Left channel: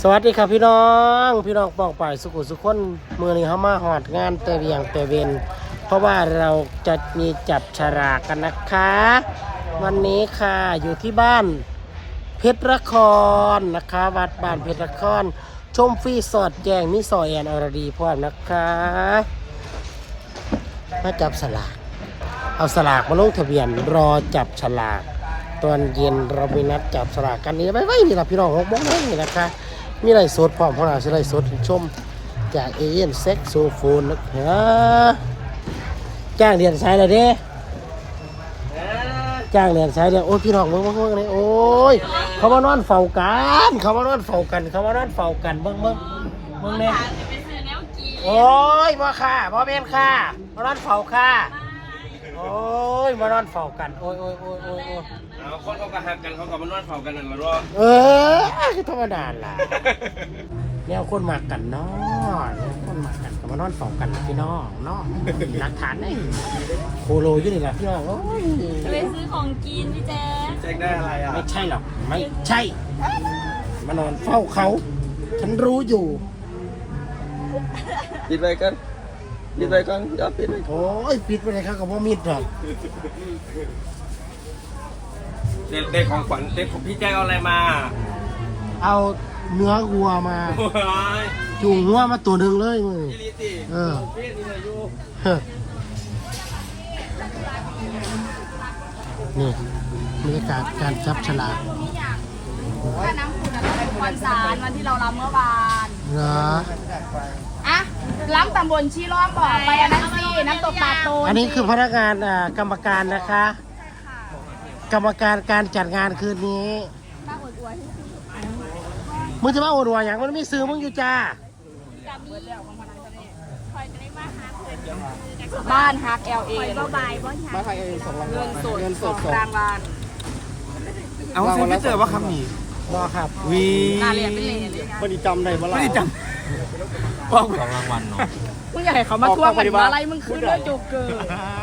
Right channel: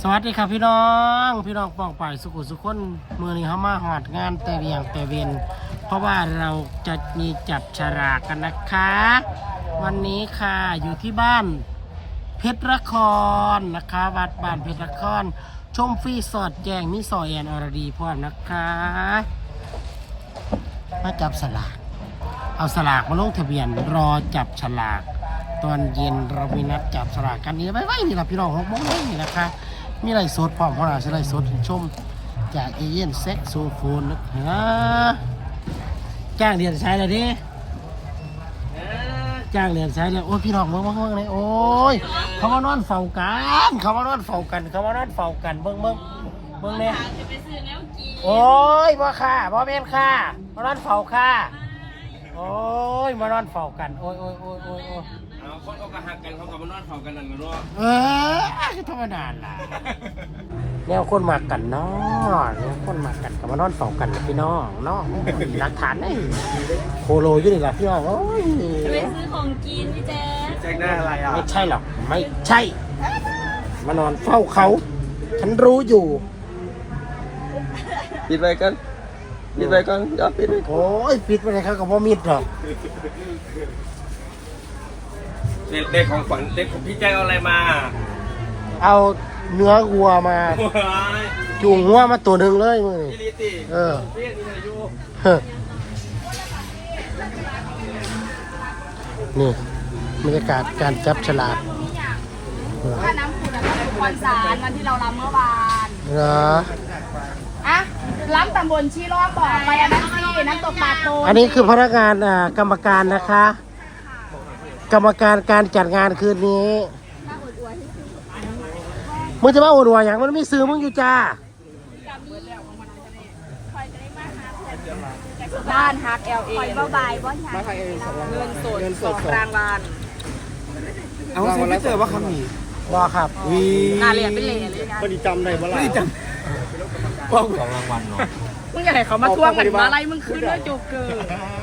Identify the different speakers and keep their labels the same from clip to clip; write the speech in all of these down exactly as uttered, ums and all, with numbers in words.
Speaker 1: วัสดีครับพี่น้องพี่น้องปองป่ายสุขุสุขคนมือนี้เขามาหอดงานเตรียงเตเวนเพราะว่าเราจะมีจับฉลากกันนะคะวันนี้ค่ะอยู่ที่บ้านเพชรนครนะคะวัดบ้านเพชรนครชมฟรีสอดแจงมิซอยแอนอรดีพร้อมนะคะมาจับฉลากเอาฉลากมาลงทะเบียนรอจับฉลากตอนเย็นเรามีนัดจับฉลากกันนี่ไม่ไม่นี่นะพี่น้องหกโมงนี่นะคะมีไรสดพร้อมเพราะเราใช้ไรสดชมจากเอเย่นเซ็กโซโฟนนะคะจ้างเรียนใช้เลยดิจ้างเรียนใช้เลยโอ้ยพี่น้องเมื่อเมื่อเมื่อเลยโอ้ยเขามานอนเฝ้ากันเขามานอนเฝ้ากันเขามานอนเฝ้ากันเมื่อเมื่อเมื่อเนี่ยโอ้ยบ่ค่ะบ่แม่นค่ะมานอนเฝ้าค่ะโอ้ยมานอนเฝ้ากันโอ้ยโอ้ยโอ้ยโอ้ยโอ้ย
Speaker 2: เอาคนเขาก็หักกันเขาก็มานอนเฝ้ากันนั่นมารอ
Speaker 1: เออธรรมดาล่ะแนวคนมากันเนาะแนวคนมากันกับมานอนเฝ้ากันพี่น้องเนาะหลักฐานได้โคโลอยู่นี่แหละพี่น้องโอ้ย
Speaker 3: จะไปซื้อของกินพี่แจ๊ค
Speaker 2: แจ้งได้อะไรอ่ะ
Speaker 1: ไม่ใช่หรอกไม่ใช่มานอนเฝ้าเขาฉันรู้อยู่
Speaker 2: ปิดไปกันปิดไปกันอย่าปิด
Speaker 1: โอ้ยปิดไปเลยครับกับว่ามิดหรอก
Speaker 2: เด็กเด็กของขวัญเด็กของพี่แจ้งเอาอะไรมา
Speaker 1: เอาเนื้อวัวมาจูงวัวมาตัวหนึ่งเลยมึงเออนี่บรรยากาศการจับฉลาก
Speaker 3: ถ้าน้ำขุ่นก็ถูกคอนสารวันที่เรารับเมื่อวาน
Speaker 1: เหรอ
Speaker 3: อะรับตำบลชีร้อนบอกไปอันนั้นสิน้ำตกปลาโต
Speaker 1: อันนี้คือพนักงานอ่ากรรมการนะคะกรรมการการจัดงานคืนนี้
Speaker 3: มาอวดอวดให้สิ
Speaker 1: มึงจะมาอวดอวดอย่างมันมีซื้อมึงอยู่จ้า
Speaker 3: บ้านฮักเอลเอบ้านฮักเอลเงินสดเงินสดกลางบ้าน
Speaker 2: เอาซิไม่เจอว่าคำนี้
Speaker 1: ว่าครับ
Speaker 2: วี
Speaker 3: งานเรียนเป็นเลน
Speaker 1: ไม่ได้จำได้บ้าง
Speaker 2: ไม่ได้จำป้องของรางวัลเนาะ
Speaker 3: มึงอยากให้เขามาท่วงกันมาไล่มึงคืนแล้วจุกเกิน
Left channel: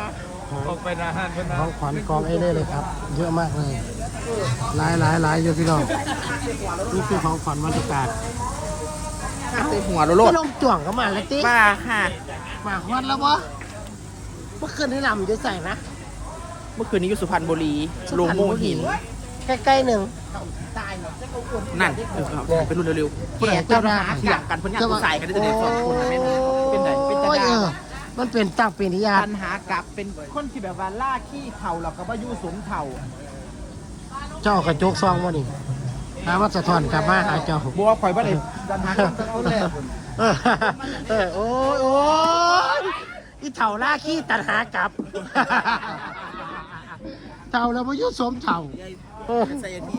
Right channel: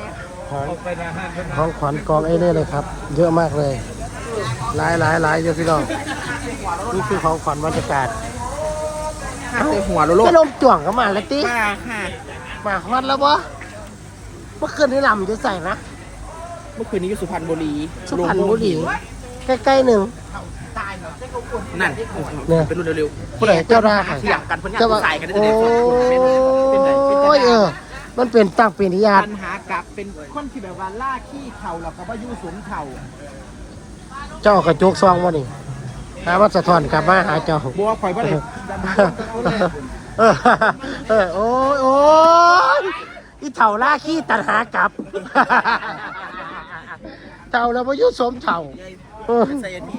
Speaker 1: ของขวัญกองไอ้นี่เลยครับเยอะมากเลยหลายหลายหลายเยอะพี่น้องนี่คือของขวัญบรรยากาศ
Speaker 2: หัวโลด
Speaker 1: ลมจ่วงเข้ามาแล้วติ๊
Speaker 2: มาค่ะ
Speaker 1: มาฮอตแล้วบ่เมื่อคืนที่ลำจะใส่นะ
Speaker 2: เมื่อคืนนี้อยู่สุพรรณบุรี
Speaker 1: โลโม่หินใกล้ๆหนึ่ง
Speaker 2: นั่นเป็นรุ่นเร็ว
Speaker 1: ๆผู้ใดเจ้ารา
Speaker 2: หลังกันเพื่อนใส่กันได้เลยเป็นไหนเป็นตา
Speaker 1: เออมันเป็นตั้งปีนิยา
Speaker 2: ปัญหากับเป็นคนที่แบบว่าล่าขี้เถ่าหรอกกับว่ายู่สมเถ่า
Speaker 1: เจ้ากระจุกซองวะนี่หาว่าสะท้อนกลับมาหาเจ้า
Speaker 2: บัวข่อยบ่ได้ดันหา
Speaker 1: เออเออโอ้ยโอ้ยอีเถ่าล่าขี้ตัดหากลับเต่าแล้วว่ายู่สมเถ่า
Speaker 2: ใส่อันนี้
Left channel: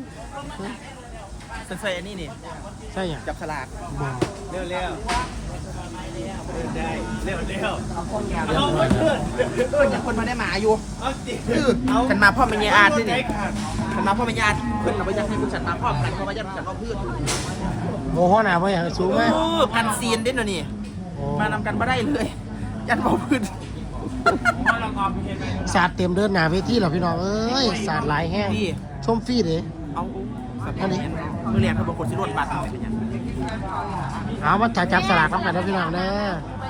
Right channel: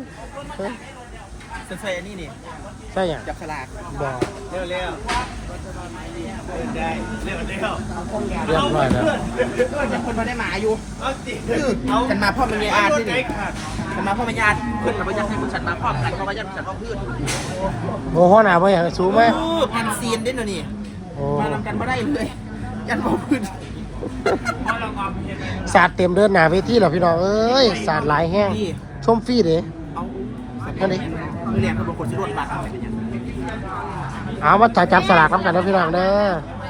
Speaker 2: ใส่อันนี้นี่
Speaker 1: ใช่ยัง
Speaker 2: จับฉลาก
Speaker 1: บอก
Speaker 2: เร็วเร็วเร็วเร็วเร็ว
Speaker 1: เรียบร้อยแล้ว
Speaker 2: เอออย่างคนมาได้หมาอยู่ฉันมาพ่อมันยาอาที่นี่ฉันมาพ่อมันยาเพื่อนเราไปยังให้ฉันมาพ่อกันเพราะว่ายังฉันเอาเพื่อน
Speaker 1: โอ้โหหนาไปอย่างสูงไหม
Speaker 2: พันซีนด้วยนะนี่มานำกันมาได้เลยยันบอกพื้น
Speaker 1: สาดเต็มเดินหนาเวทีเหรอพี่น้องเอ้ยสาดหลายแห้งชมฟรีเลย
Speaker 2: เอาอันนี้มือเรียนเขาบอกคนชิโร่บัตร
Speaker 1: เอามาจับฉลากทำกันนะพี่น้องเด้อ